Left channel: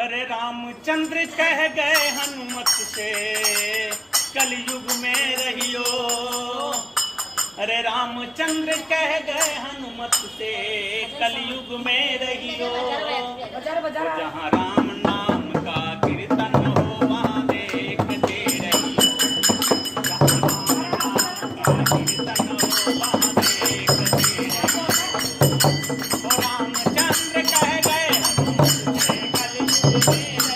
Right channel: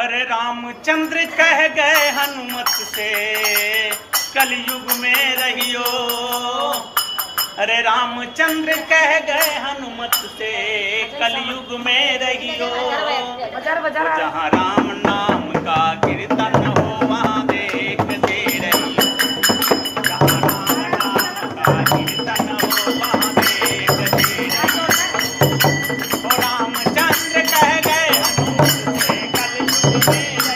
अरे रामचंद्र कह गए हनुमत से कलयुग में रहियो। अरे रामचंद्र कह गए हनुमत से कलयुग में रहियो। जहाँ राम नाम का कीर्तन हो वहाँ देखते रहियो। जहाँ राम नाम का कीर्तन हो वहाँ देखते रहियो। रामचंद्र कह गए हनुमत से कलयुग में